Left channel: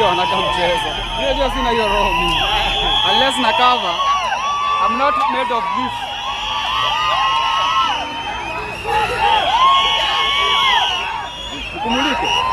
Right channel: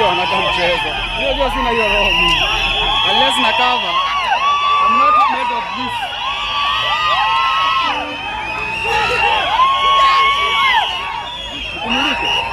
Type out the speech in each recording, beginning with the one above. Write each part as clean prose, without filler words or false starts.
sisi wanaka mchezo. Unajua sina hiyo roho mimi. Unless na cover. I'm not made of this. Kumulike.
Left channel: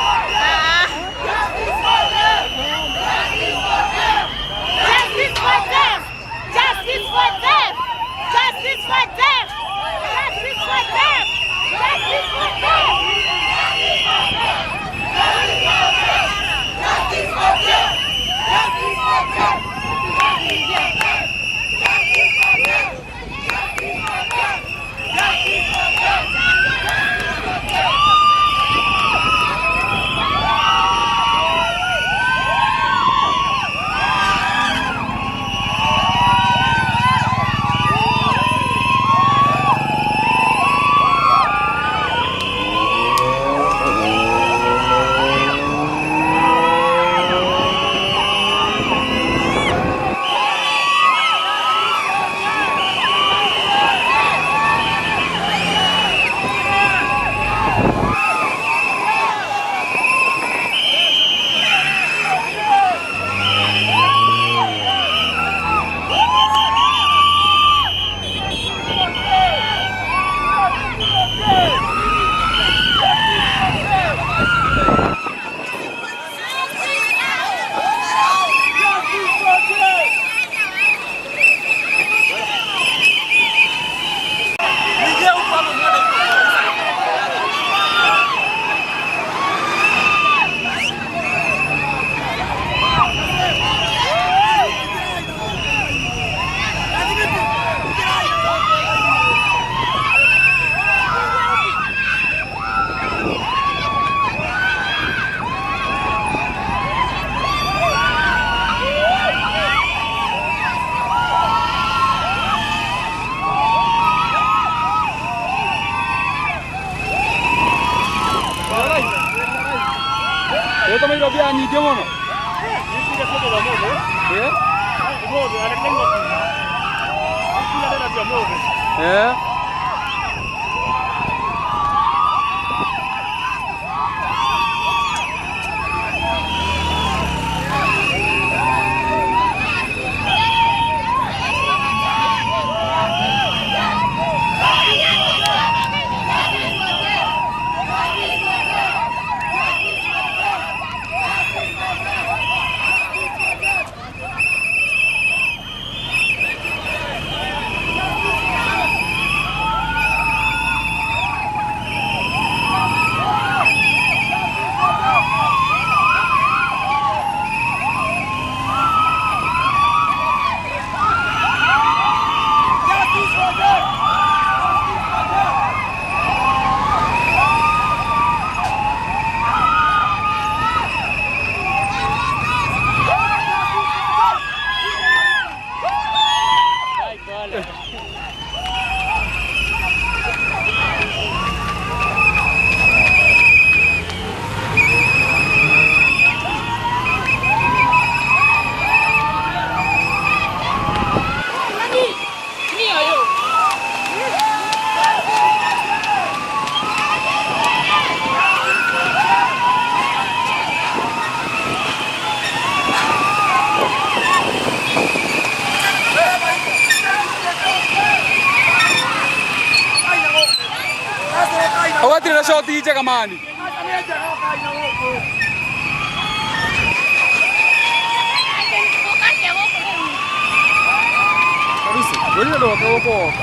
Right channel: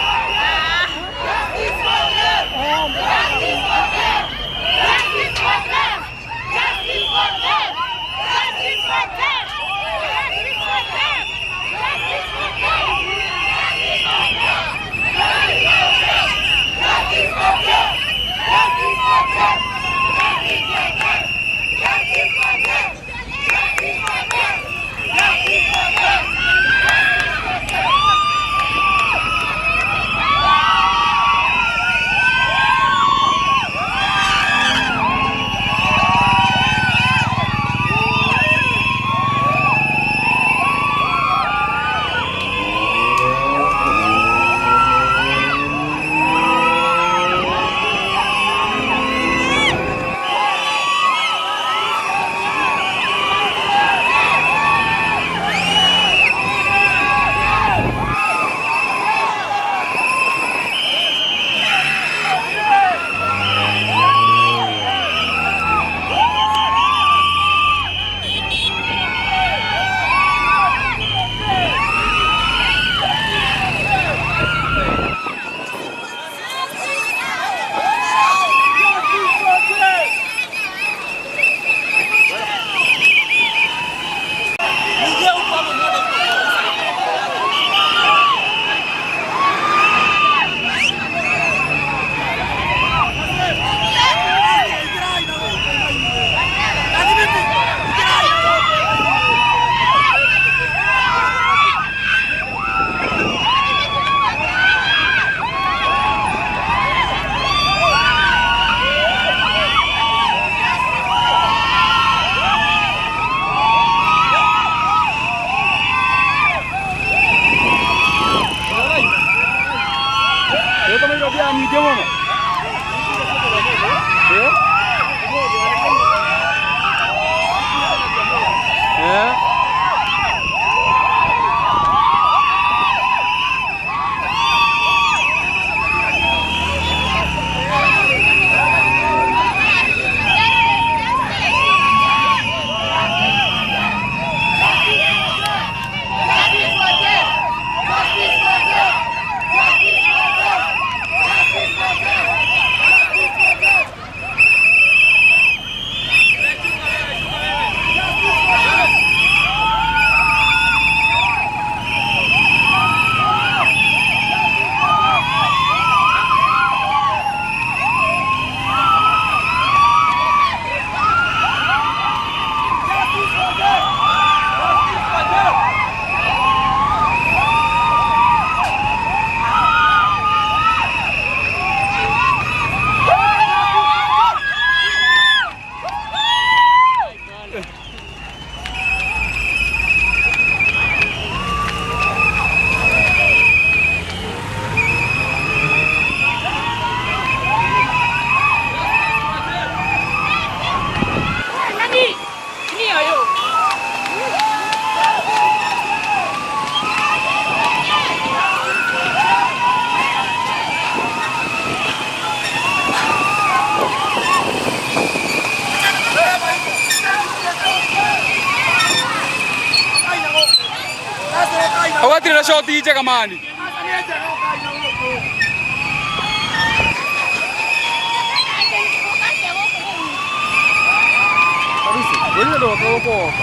Yo también lo vi a mi tío, Awati na shoti iche kamani. Wewe ndio wako.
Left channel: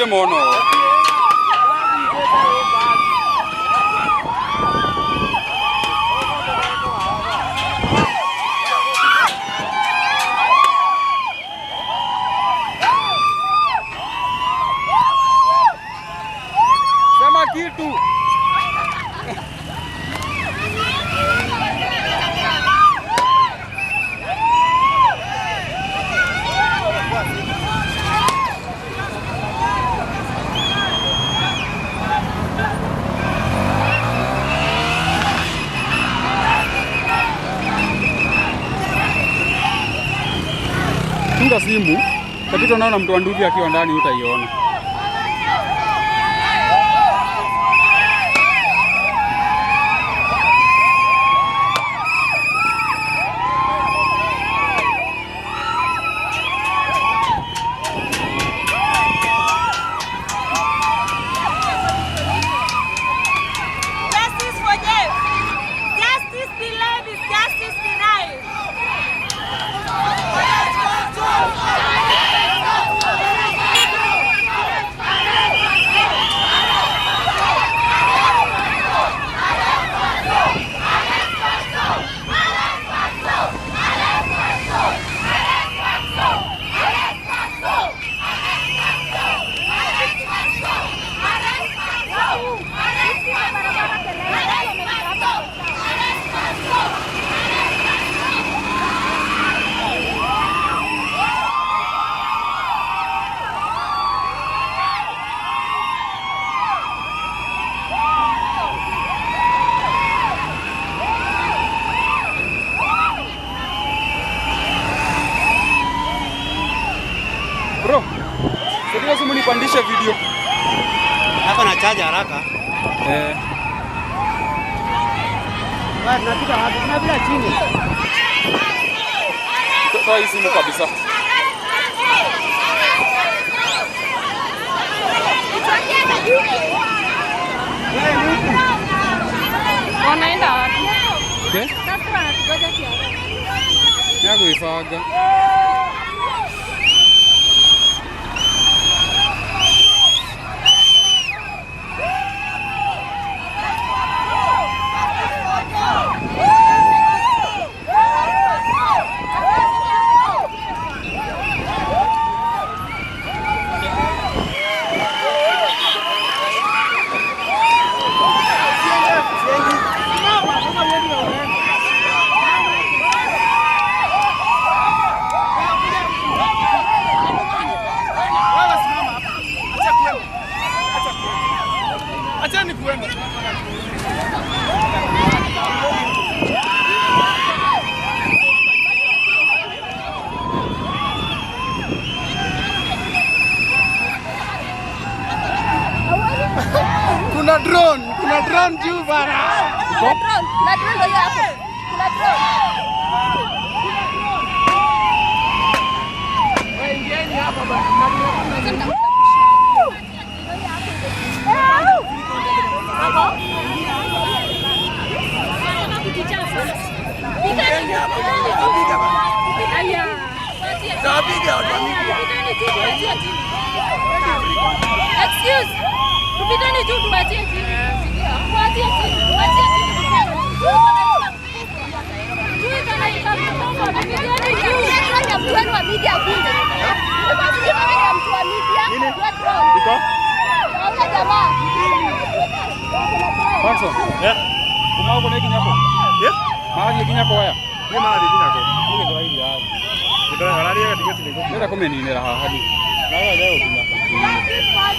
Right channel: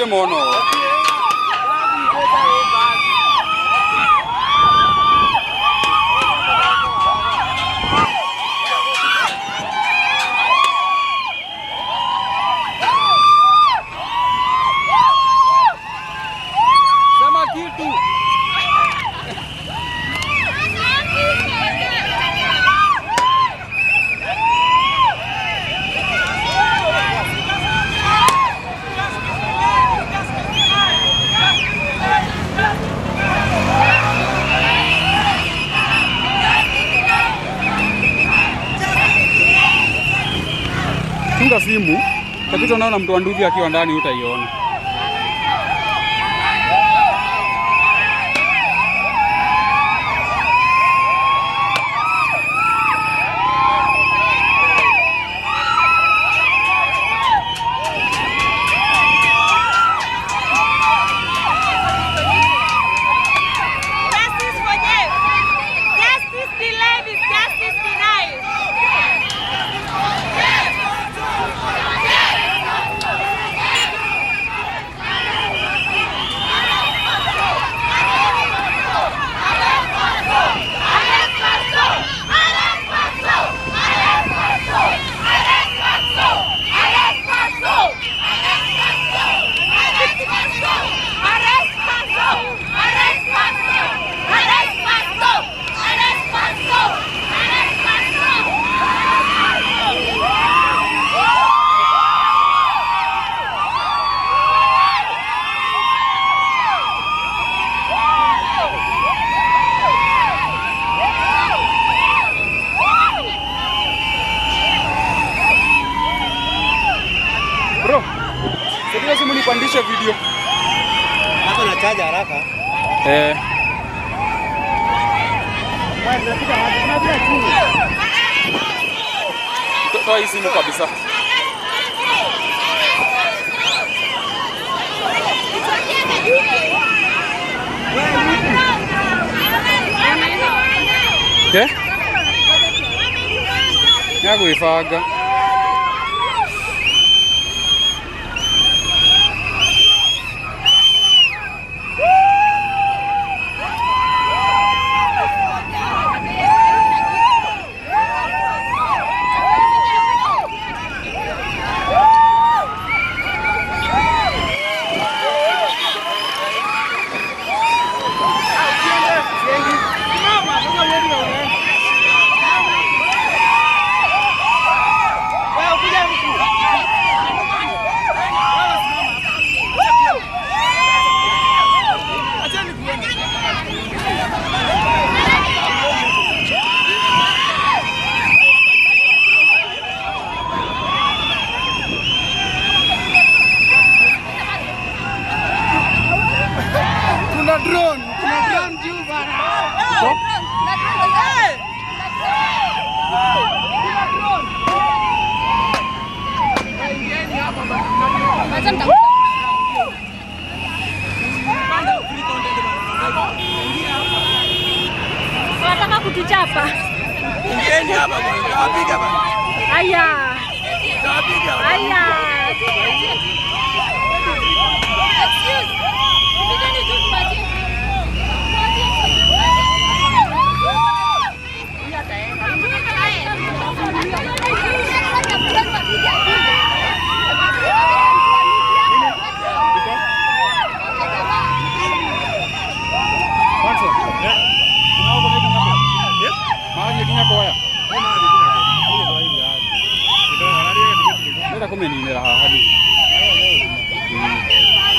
gutire mono. Sema kitu. Chunga simu, tapita naona mtu wa nduthi akiwa ndani utaiona. Justice for Jeff. Justice delayed is justice denied. Bro, sasa simu nipandishe video. Hapa na chaja haraka. Tunafika hadi tunabia chini. Toa hii simu kabisa. Okay? Yakuifaga. Kuna drone juu bana. Wanataka kutuchapa. Ingieni hapa bwana. Wapiga bana. Haya. Wapiga bana. Excuse. Kupigani tu tupatie. Paso. Ya. Kumau kone kinyako. Ya. Mahali kinyako haya. Ni mahali kinyako. Ni kwa hivi hadi. Ndio harari ya digiti. Nenda kumeninira haha ni. Haya leo kuna.